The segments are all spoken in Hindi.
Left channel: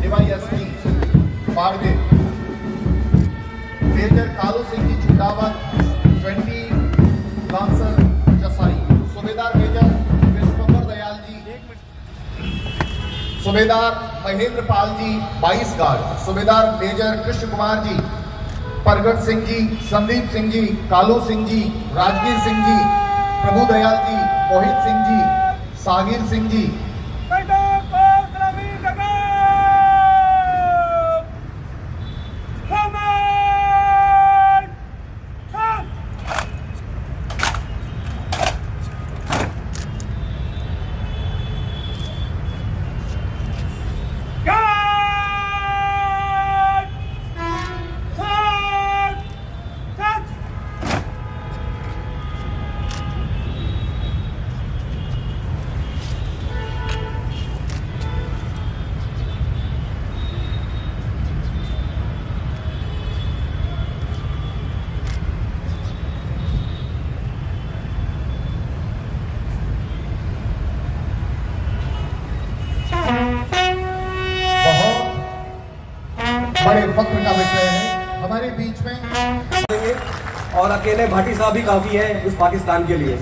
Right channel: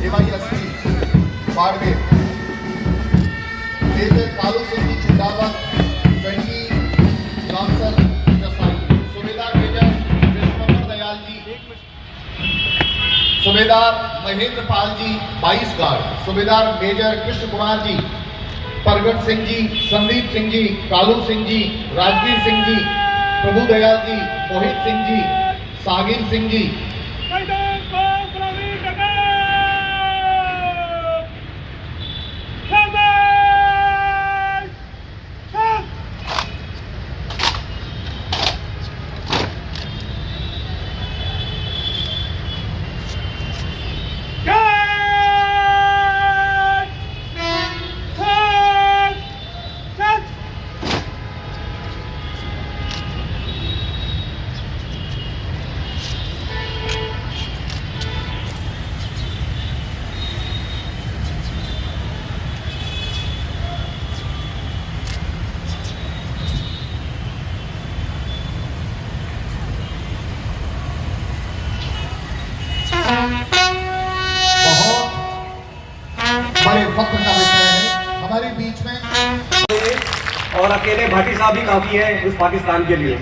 DYSP Barmer, major Kalu Singh Chindawat 20 lancer जसाई, subedar major Krishna Dayal ji, subedar Mahendra Pal ji 22 guard, subedar major Krishna Kumar ji, Pragat Singh जी, संदीप सिंह जी, कालू सिंह जी, राजवीर सिंह जी, प्रभु दयाल जी, मोहित सिंह जी, सागिर सिंह जी, बड़े फख्र का विषय है हमारे बीच में। और अकेले भाटी साहब ही काफी है उस पाकिस्तान के लिए।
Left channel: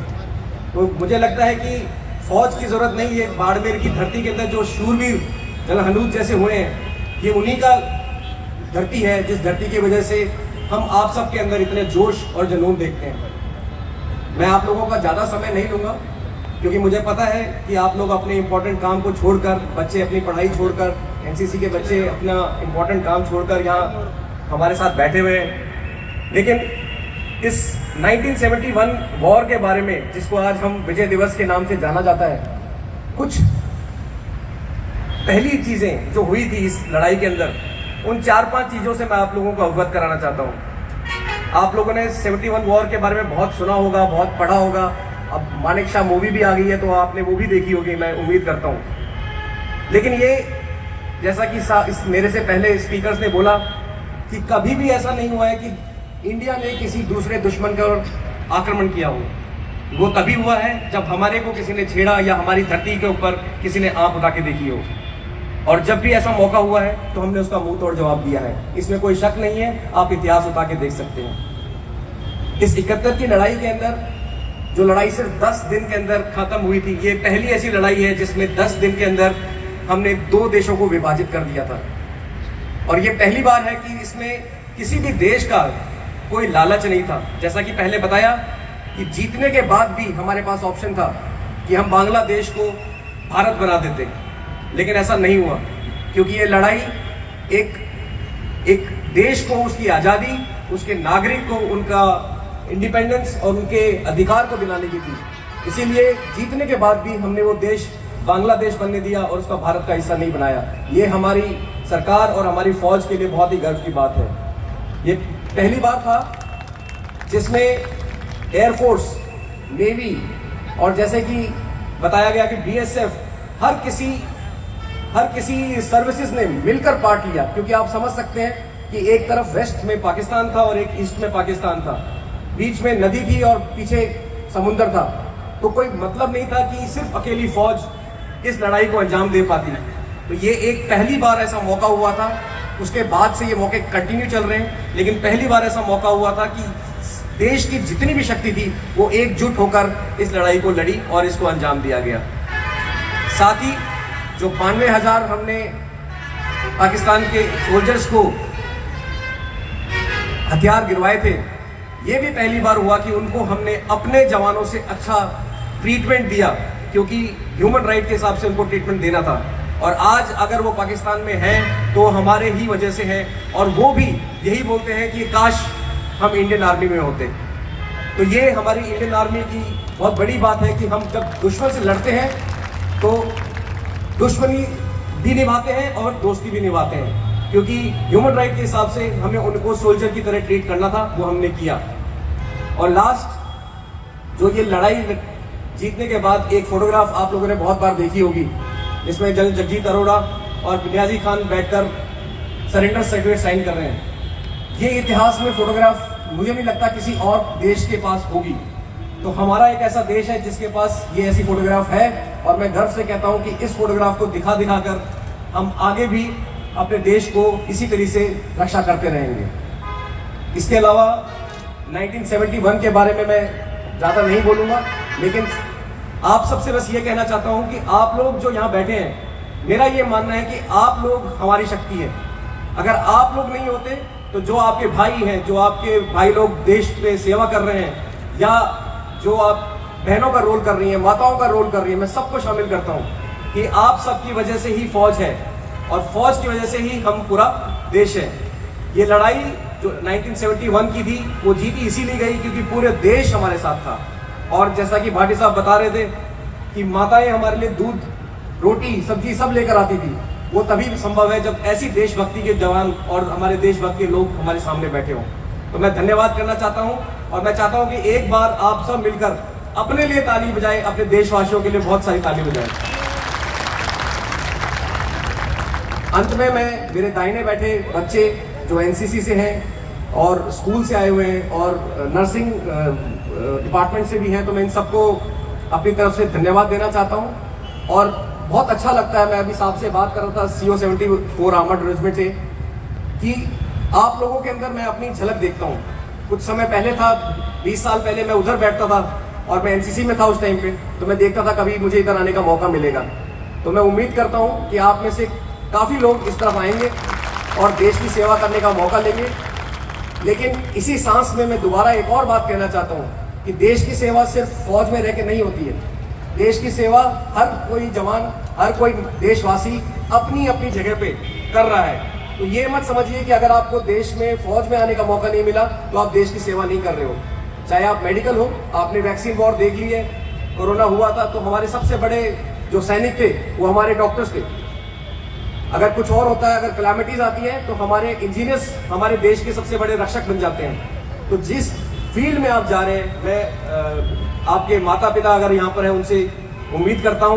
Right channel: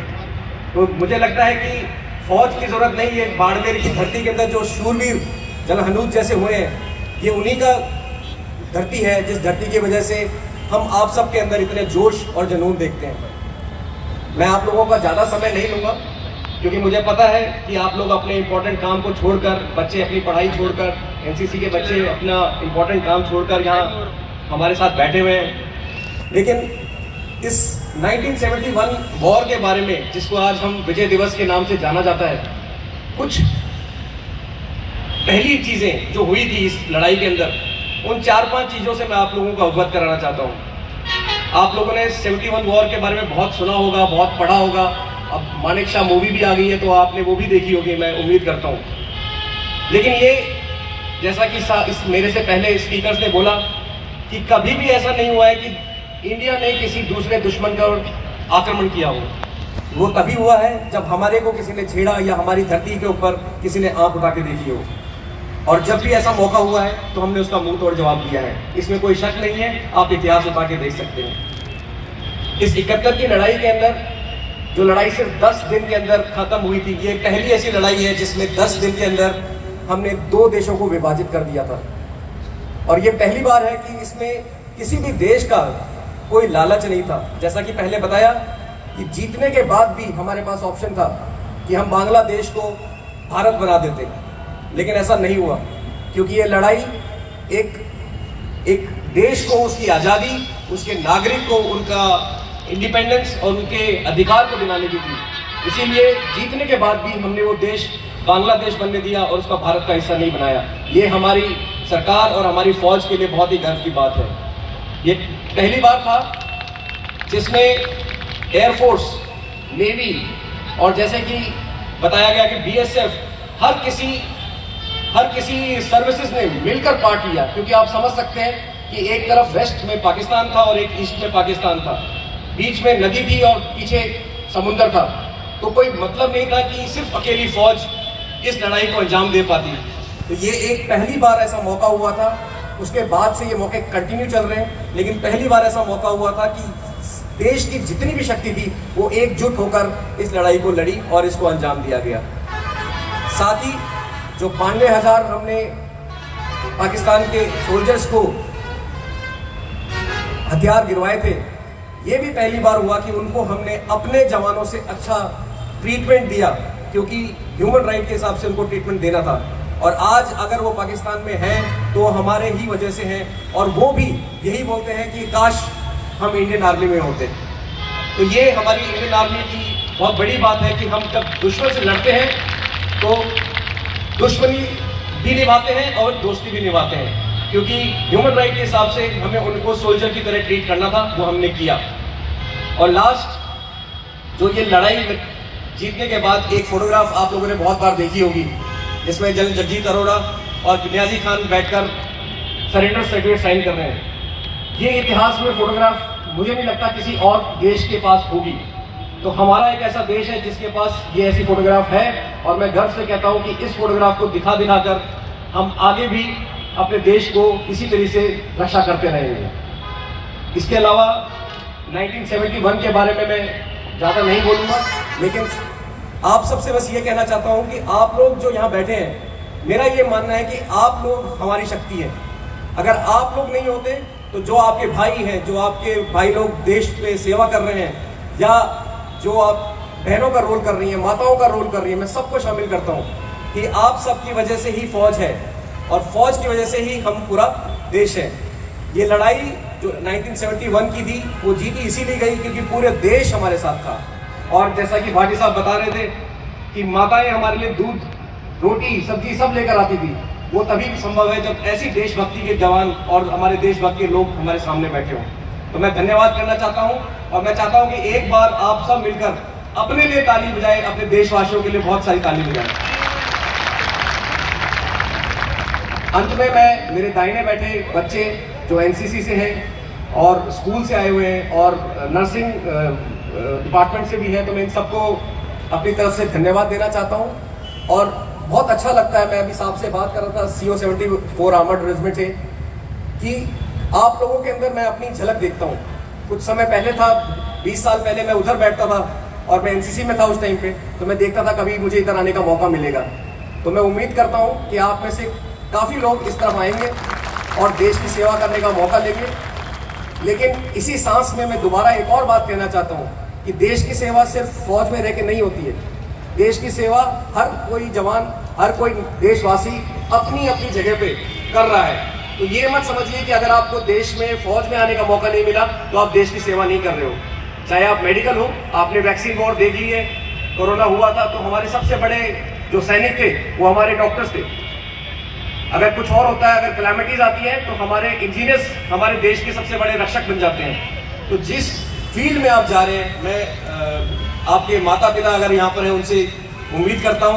तो मुझे लगता है कि फौज की जरूरत नहीं है। बाड़मेर की धरती के अंदर जो शूरवीर जलहनूद जैसे हुए हैं, ये उन्हीं का धरती है जिस धरती की वजह से हम आप सब के अंदर इतने जोश और जुनून देखते हैं। मैं आप लोगों का ज्यादा समय नहीं लूंगा क्योंकि मुझे पता है कि आप लोग अपने इंपॉर्टेंट काम को छोड़कर, बच्चे अपनी पढ़ाई छोड़कर, एनसीसी के बच्चे अपना इंपॉर्टेंट काम छोड़कर यहाँ हमारे साथ बैठे हुए हैं। लेकिन इस 1971 वॉर के बारे में, जिसको आज हम विजय दिवस के नाम से जाना जाता है, कुछ पहली चीजें जो हुई थी इस लड़ाई के अंदर, उन 4-5 चीजों से मैं आप लोगों को अवगत कराना चाहता हूँ। आप लोगों ने 71 वॉर के बारे में बहुत सुना होगा, बहुत पढ़ा होगा। अब मानेक शाह मूवी भी आ गई है तो आपने वो भी देखी होगी, मैं उम्मीद करता हूँ। लेकिन ये जैसा कि इस मेरे से पहले स्पीकर्स ने बोला कि कभी भी ऐसा नहीं हुआ है कि इंडिया ने किसी दूसरे दुश्मन का आक्रमण किया हो। वो तभी हुआ है जब हमारे को किसी ने छेड़ा या हमारी धरती के ऊपर किसी ने आंख उठा के देखी हो। और जब भी ऐसा मौका हुआ है तो हमने उसका मुंह तोड़ जवाब दिया है, इसमें कोई शक नहीं है। आप इतिहास उठा के देख सकते हैं। इस 71 की लड़ाई के अंदर जो लड़ाई सिर्फ 10 दिन के अंदर खत्म हुई थी, ये पहली ऐसी लड़ाई है जिसमें 10 दिन के अंदर हमने 2 देशों को विभाजित कर दिया था। और ये पहली बार है कि इसमें किसी भी देश का कोई लालच नहीं था। जैसा कि पहले बताया कि जीतने के बाद भी हमारे पास ऑप्शन था कि हम बांग्लादेश को भारत बना देते, लेकिन ऐसा नहीं हुआ क्योंकि ये लड़ाई एक देश को उसकी आज़ादी, उसके नागरिक को उनका इंडिपेंडेंस और उनके अधिकार को दिलाने की थी। इसीलिए जीतने के बाद भी हमने वो देश बांग्लादेश बनने दिया और उसका भारत का हिस्सा नहीं बनाया। ये हमारी सरकार और हमारी फौज के लिए बहुत ही गर्व की बात है। ये पहली बार था जिसमें एयरफोर्स, नेवी और जैसे कि बताया गया कि बीएसएफ, हर किसी सर्विसेज ने मिलकर पार्ट लिया। क्योंकि आप समझ सकते हैं कि एक तरफ वेस्ट में पाकिस्तान था और एक ईस्ट में पाकिस्तान था, बीच में नदी थी और पीछे समुद्र था। तो कोई मतलब नहीं था कि सिर्फ अकेली फौज इस लड़ाई को अंजाम दे पाती। तो ये एक पहली बार ऐसा मौका हुआ था। उसके बाद से ये मौके कंटिन्यू चल रहे हैं, लेकिन पहली बार ऐसा मौका हुआ था कि देश की जितनी भी शक्ति थी वो एकजुट होकर इस लड़ाई को लड़ी और इसको अंजाम दिया गया। साथ ही जो 92,000 हमने पाकिस्तान के सोल्जर्स को हथियार गिरवाए थे, ये भी पहली बार हुआ कि उनको हमने अपने जवानों से अच्छा ट्रीटमेंट दिया, क्योंकि ह्यूमन राइट के हिसाब से उनको ट्रीटमेंट देना था। और आज अगर वो पाकिस्तान में हैं तो हमारे ही वजह से हैं। और वो भी यही बोलते हैं कि काश हम इंडियन आर्मी में होते। तो ये हमारी इंडियन आर्मी की बहुत बड़ी बात है कि हम जब दुश्मन से लड़ते हैं तो दुश्मनी भी निभाते हैं और दोस्ती भी निभाते हैं, क्योंकि ह्यूमन राइट के हिसाब से हमें उनको सोल्जर की तरह ट्रीट करना था, वो हमने किया। और लास्ट जो ये लड़ाई जीतने के बाद एक फोटोग्राफ आप लोगों ने बहुत बार देखी होगी, इसमें जनरल जगजीत अरोड़ा और नियाजी खान बैठकर सरेंडर सर्टिफिकेट साइन कर रहे हैं। ये इतिहास में फोटोग्राफ मुझे नहीं लगता किसी और देश के पास होगी। तो हमारा एक ऐसा देश है जिसके पास ये ऐसी फोटोग्राफ है, और मैं गर्व से कहता हूं कि इस फोटोग्राफ को दिखा कर हम आगे भी अपने देश को इसी तरीके से रक्षा करते रहेंगे। इसके अलावा 1971 के बारे में मैं ज़्यादा नहीं बोलूँगा, लेकिन आप सबसे बस ये कहना चाहता हूँ कि आप लोग जो यहाँ बैठे हैं, मेरा ये मानना है कि आप लोग हमारी शक्ति है। अगर आप लोग नहीं होते तो जो आपके भाई हैं, जो आपके भाई लोग देश पे सेवा कर रहे हैं, या जो आप बहनों का रोल कर रही हैं, माताओं का रोल कर रही हैं, मैं सबको शामिल करता हूँ कि आप सबकी वजह से ही फौज है और फौज की वजह से ही हम पूरा देश है। ये लड़ाई जो 1971 की थी वो जीती इसीलिए गई क्योंकि पूरे देश हमारे साथ था। और जैसा कि भाटी साहब बता रहे थे कि माताएं हमारे लिए दूध, रोटी, सब्जी सब लेकर आती थी, वो तभी संभव है जब ऐसी देशभक्ति के जवान और हमारे देशभक्त के लोग हमारे सामने बैठे हों। तो मैं धन्यवाद करना चाहता हूं और मैं चाहता हूं कि एक बार आप सब मिलकर अपने लिए ताली बजाएं, अपने देशवासियों के लिए बहुत सारी ताली बजाएं। अंत में मैं मेरे दाहिने बैठे बच्चे जो एनसीसी से हैं और स्कूल से आए हुए हैं और नर्सिंग डिपार्टमेंट से भी हैं, तो मैं इन सबको अपनी तरफ से धन्यवाद देना चाहता हूं। और बहुत अच्छा लगता है, मैं अभी साहब से बात कर रहा था CO-74 आर्मर्ड रेजिमेंट से, कि आप लोगों के अंदर मैं अपनी झलक देखता हूं। कुछ समय पहले था, 20 साल पहले मैं उधर बैठता था और मैं एनसीसी में था उस टाइम पे, तो मैं देखता था कभी मुझे इधर आने का मौका मिलेगा। तो मैं उम्मीद करता हूं कि आप में से काफ़ी लोग इस तरफ आएंगे और देश की सेवा करने का मौका लेंगे। लेकिन इसी सांस में मैं दोबारा एक और बात कहना चाहता हूं कि देश की सेवा सिर्फ फौज में रह के नहीं होती है। देश की सेवा हर कोई जवान, हर कोई देशवासी अपनी अपनी जगह पे कर रहा है। तो ये मत समझिए कि अगर आपको देश में फौज में आने का मौका नहीं मिला तो आप देश की सेवा नहीं कर रहे हो। चाहे आप मेडिकल हो, आपने वैक्सीन वॉर देख ली है, कोरोना हुआ था तो हमारे सबसे बड़े जो सैनिक थे वो हमारे डॉक्टर्स थे। अगर कुछ और होता है, अगर कैलामिटीज आती है तो हमारे इंजीनियर्स हमारे देश के सबसे बड़े रक्षक बन जाते हैं। तो जिस फील्ड में आप जा रहे हैं, मैं आपके माता पिता अगर यहाँ पर हैं उनसे उम्मीद करता हूँ